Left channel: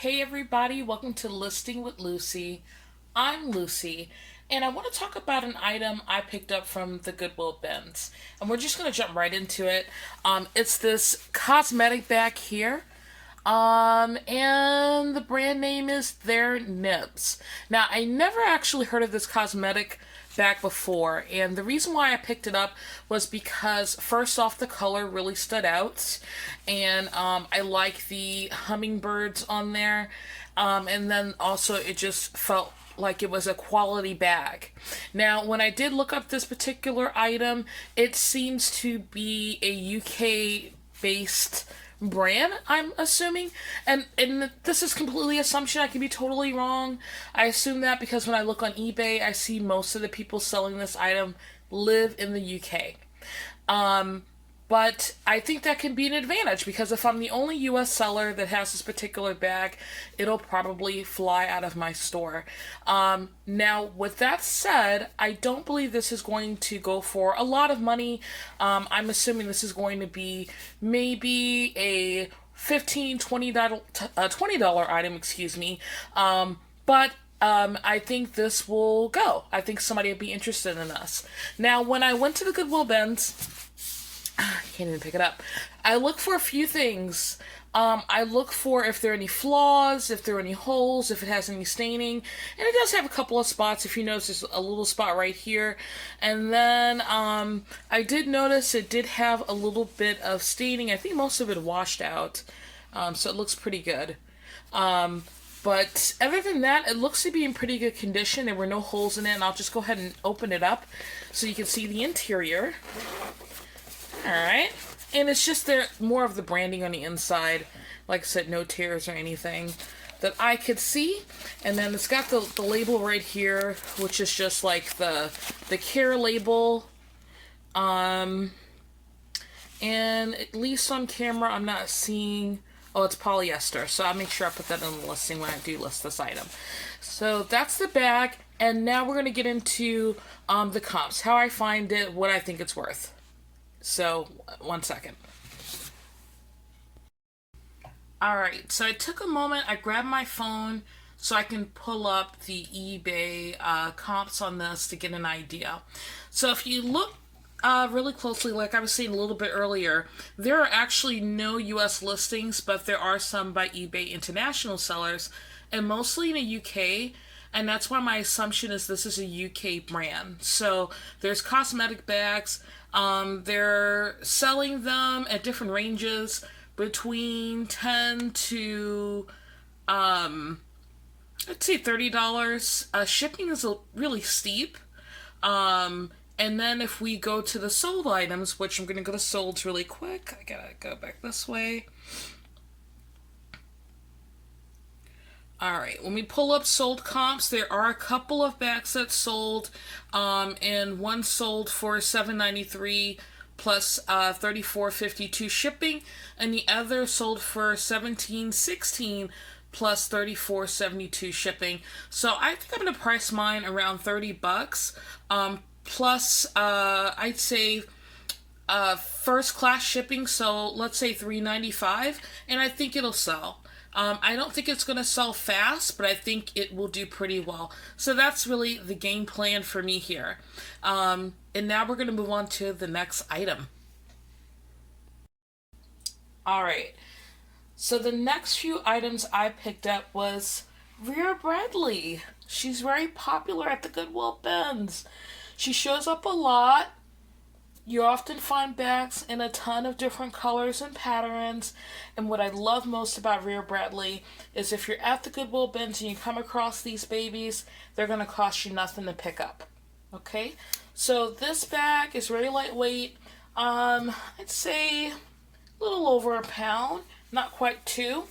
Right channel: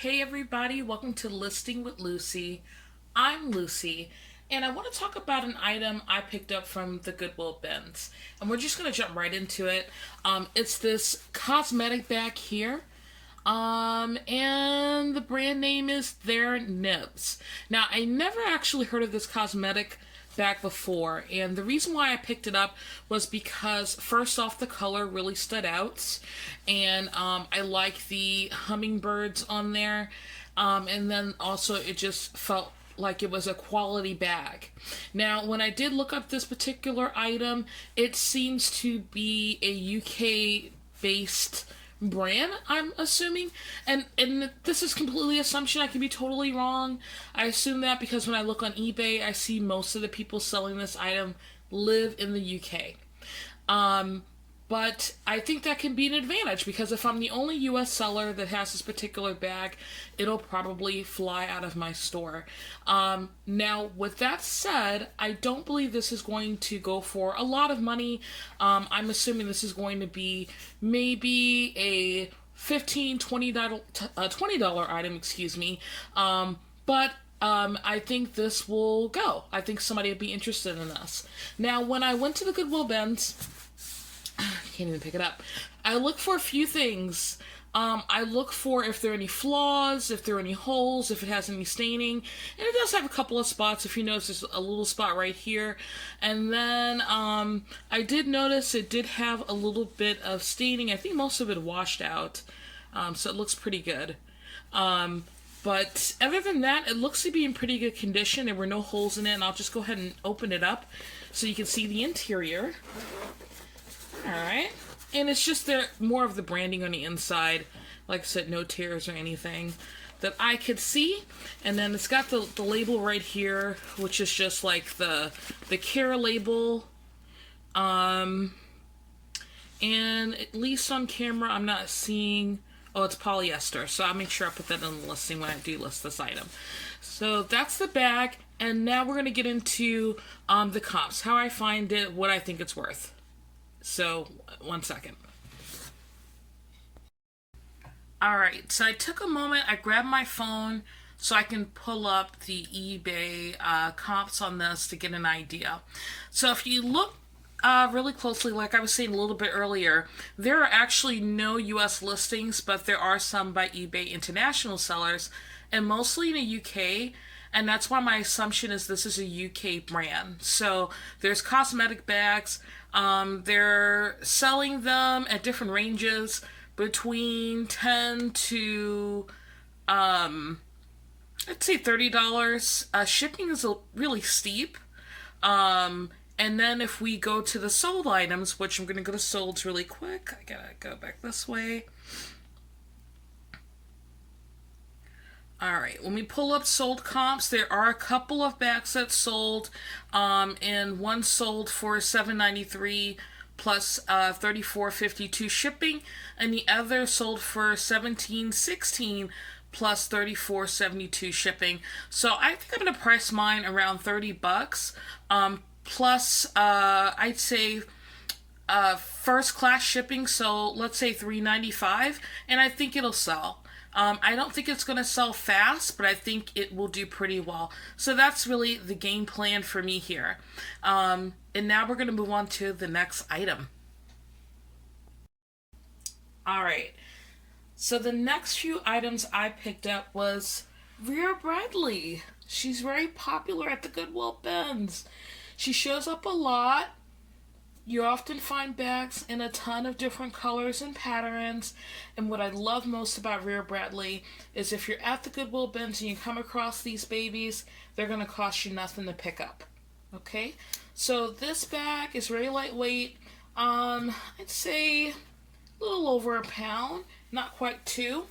Hey everybody, welcome to Listing with Lucy. I'm Lucy, and I want to talk about an item I picked up from the Goodwill bins. And we're just going to jump right into it. It's this cosmetic bag here. And the brand name is Their Nibs. Now, I never actually heard of this cosmetic bag before, and the reason why I picked it up was because first off, the color really stood out, and I like the hummingbirds on there, and then also it just felt like it was a quality bag. Now, when I did look up this particular item, it seems to be a UK based brand, I'm assuming, and this is completely assumption. I can be totally wrong. I assume that because when I look on eBay, I see most of the people selling this item live in the UK. But I think that can be an advantage because if I'm the only US seller that has this particular bag, it'll probably fly out of my store. Now, with that said, I don't believe this is going to go for a lot of money. I'm assuming this is going to be maybe a $15, $20 item, excuse me. But I think this will go. I think somebody would be interested in this. Now, when I went to the Goodwill bins, I can't even pick it up. I look for a few things. I look for if there are any flaws, if there are any holes, if it has any staining. And it does have a couple of spots. If you notice, there's a little spot right here. And then I did notice it did have a little bit of staining. I think most of it washed out. So it looks pretty good. But other than that, it looks to be in pretty good condition. There were no holes in it. And I'll just go ahead and open it up so you can see the interior. Alright, and it's just there more of the branding on the inside. Like I said, no tears or anything that I could see. And then it's got the label right here, which is just like the care label. And at least on camera, I'm not seeing... Oh, it's polyester, so I'll make sure I put that in the listing when I do list this item. So that's the bag, and now we're going to get into the comps. How I find it, what I think it's worth. So, one second. Alright, so I took a moment, I grabbed my phone so I can pull up the eBay comps on this to get an idea. So if you look really closely, like I was saying a little bit earlier, there are actually no US listings, but there are some by eBay international sellers, and mostly in the UK. And that's why my assumption is this is a UK brand. So there's cosmetic bags. They're selling them at different ranges between $10 to, let's say $30. Shipping is really steep. And then if we go to the sold items, which I'm going to go to solds really quick. I gotta go back this way. Alright, when we pull up sold comps, there are a couple of bags that sold, and one sold for $7.93 plus $34.52 shipping, and the other sold for $17.16 plus $34.72 shipping. So I think I'm going to price mine around $30, plus I'd say first class shipping, so let's say $3.95, and I think it'll sell. I don't think it's going to sell fast, but I think it will do pretty well. So that's really the game plan for me here. And now we're going to move on to the next item. Alright, so the next few items I picked up was Vera Bradley. She's very popular at the Goodwill bins. She shows up a lot. You often find bags in a ton of different colors and patterns. And what I love most about Vera Bradley is if you're at the Goodwill bins and you come across these babies, they're going to cost you nothing to pick up. Okay? So this bag is very lightweight. I'd say a little over a pound. Not quite 2.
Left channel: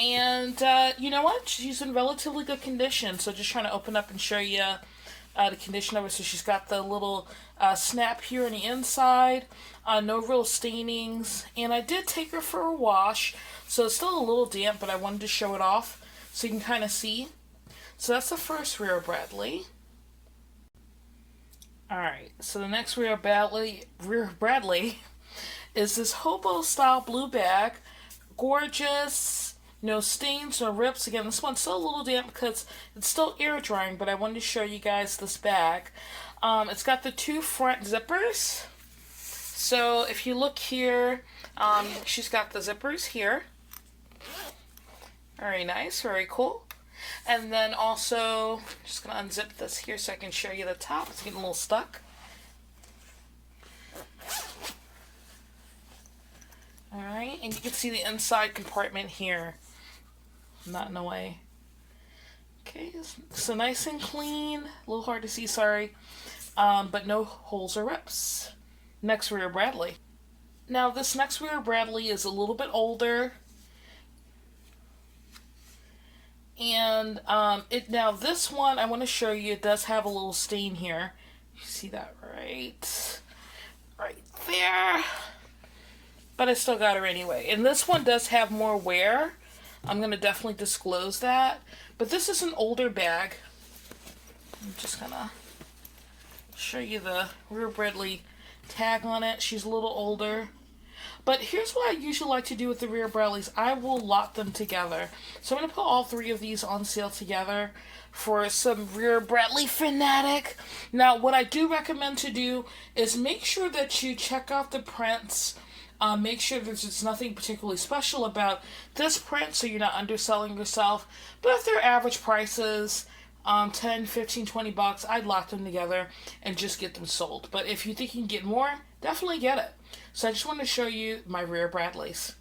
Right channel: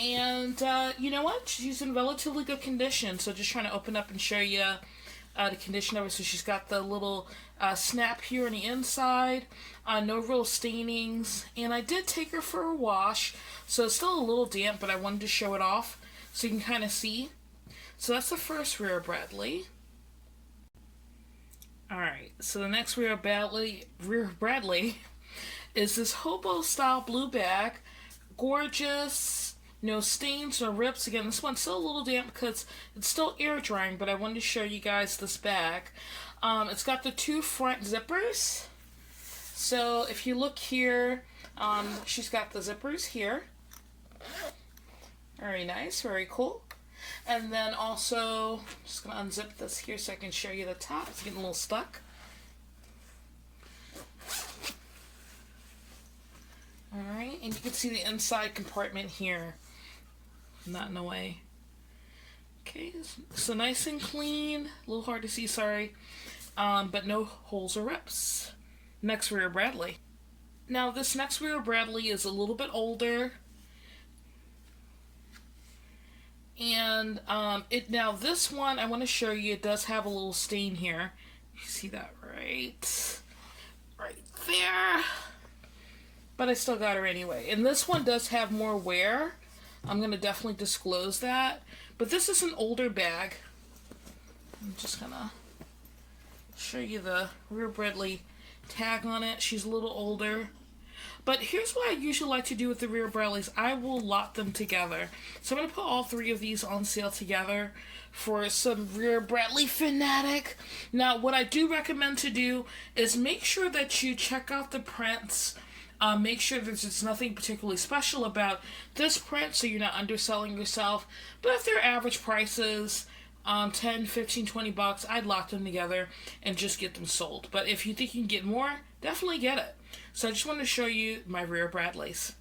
And you know what? She's in relatively good condition. So just trying to open up and show you the condition of her. So she's got the little snap here on the inside, no real stainings, and I did take her for a wash, so it's still a little damp, but I wanted to show it off so you can kind of see. So that's the first Vera Bradley. Alright, so the next Vera Bradley is this hobo style blue bag. Gorgeous, No stains or rips. Again, this one's still a little damp because it's still air drying, but I wanted to show you guys this bag. It's got the 2 front zippers. So if you look here, she's got the zippers here. Very nice, very cool. And then also, I'm just going to unzip this here so I can show you the top. It's getting a little stuck. Alright, and you can see the inside compartment here. Not in the way. Okay, so nice and clean. A little hard to see, sorry. But no holes or rips. Next Vera Bradley. Now this next Vera Bradley is a little bit older. And now this one I want to show you, it does have a little stain here. You see that right there. But I still got her anyway. And this one does have more wear. I'm going to definitely disclose that. But this is an older bag. I'm just going to show you the Vera Bradley tag on it. She's a little older. But here's what I usually like to do with the Vera Bradleys. I will lot them together. So I'm going to put all 3 of these on sale together for some Vera Bradley fanatic. Now, what I do recommend to do is make sure that you check out the prints. Make sure there's nothing particularly special about this print so you're not underselling yourself. But if they're average prices, 10, 15, 20 bucks, I'd lock them together and just get them sold. But if you think you can get more, definitely get it. So I just want to show you my Vera Bradleys.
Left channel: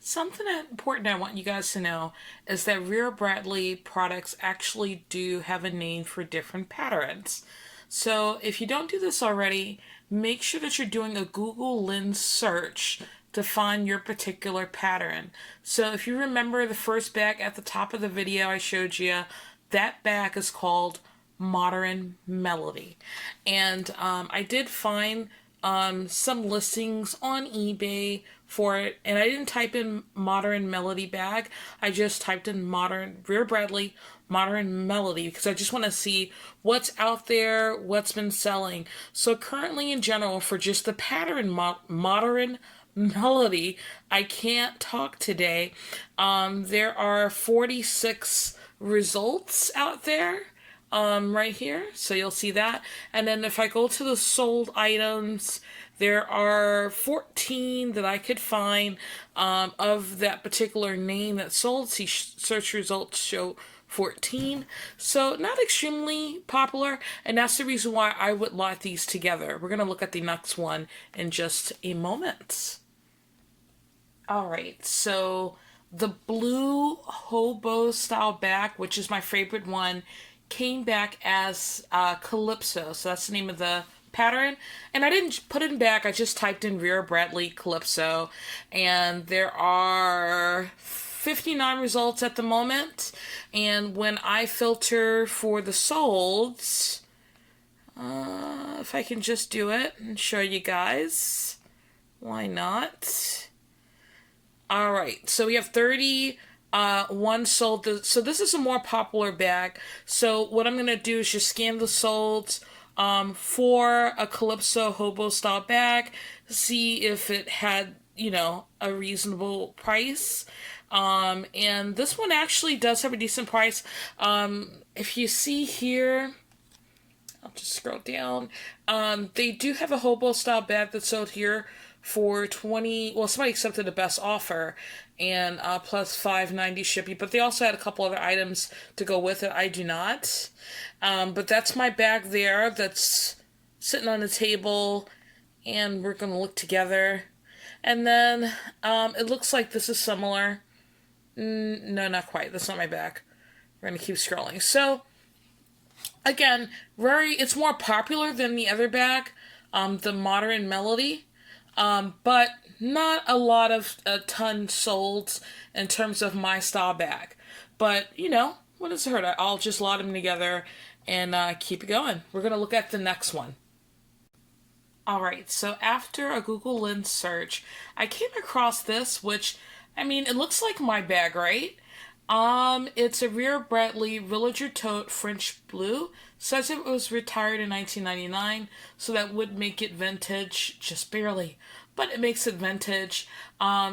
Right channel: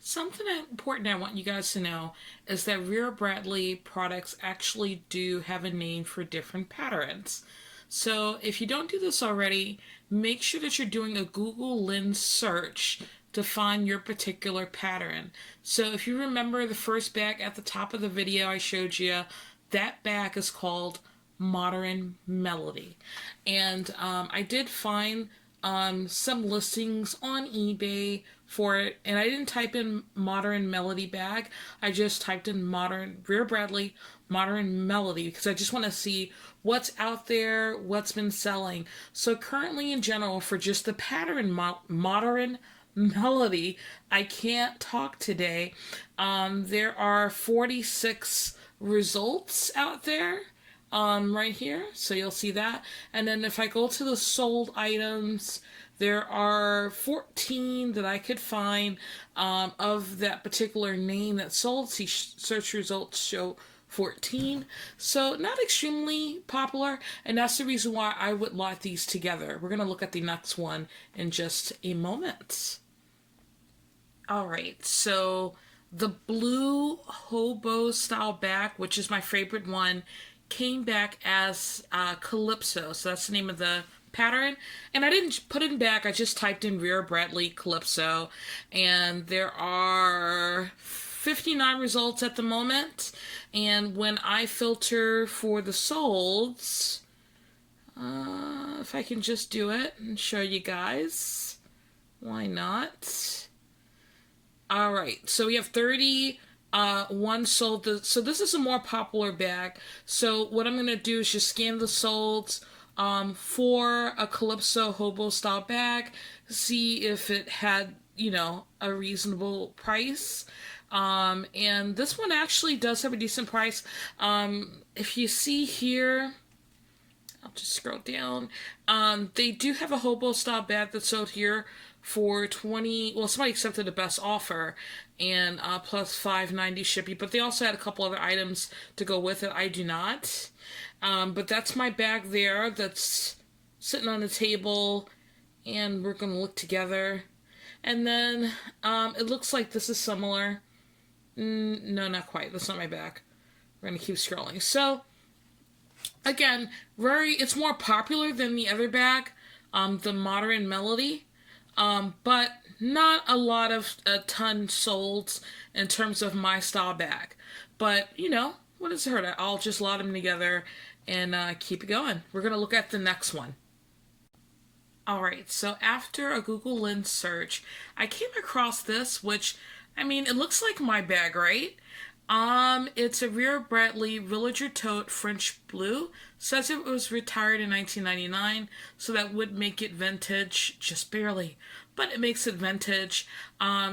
Something important I want you guys to know is that Vera Bradley products actually do have a name for different patterns. So if you don't do this already, make sure that you're doing a Google Lens search to find your particular pattern. So if you remember the first bag at the top of the video I showed you, that bag is called Modern Melody. And I did find some listings on eBay for it, and I didn't type in Modern Melody bag. I just typed in Vera Bradley Modern Melody because I just want to see what's out there, what's been selling. So currently in general, for just the pattern Modern Melody, I can't talk today. There are 46 results out there. Right here, so you'll see that. And then if I go to the sold items, there are 14 that I could find of that particular name that sold. See, search results show 14. So not extremely popular, and that's the reason why I would lot these together. We're going to look at the next one in just a moment. Alright, so the blue hobo style bag, which is my favorite one, came back as Calypso. So that's the name of the pattern. And I didn't put it in back. I just typed in Vera Bradley Calypso. And there are 59 results at the moment. And when I filter for the solds, if I can just do it and show you guys, why not? All right, so we have 30 one sold. So this is a more popular bag. So what I'm going to do is just scan the solds for a Calypso hobo style bag, see if it had, you know, a reasonable price. And this one actually does have a decent price. If you see here, I'll just scroll down. They do have a hobo style bag that's sold here for 20. Well, somebody accepted the best offer, and plus $5.90 shipping. But they also had a couple other items to go with it. I do not. But that's my bag there. That's sitting on the table, and we're gonna look together. And then it looks like this is similar. No, not quite. That's not my bag. We're gonna keep scrolling. So again, it's more popular than the other bag, the Modern Melody, but not a ton sold in terms of my style bag. But you know, what does it hurt? I'll just lot them together and keep it going. We're gonna look at the next one. Alright, so after a Google Lens search, I came across this, which, I mean, it looks like my bag, right? It's a Vera Bradley Villager Tote French Blue. Says it was retired in 1999, so that would make it vintage, just barely. but it makes it vintage.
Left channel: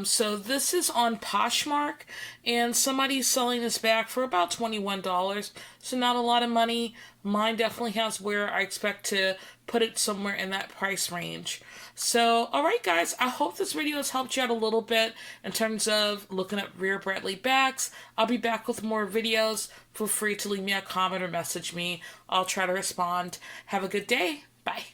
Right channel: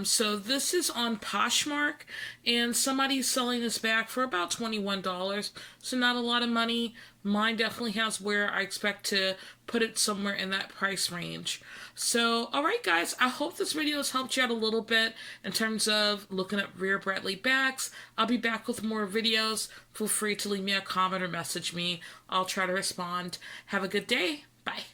So this is on Poshmark, and somebody's selling this bag for about $21, so not a lot of money. Mine definitely has where I expect to put it somewhere in that price range. So, alright guys, I hope this video has helped you out a little bit in terms of looking at Vera Bradley bags. I'll be back with more videos. Feel free to leave me a comment or message me. I'll try to respond. Have a good day. Bye.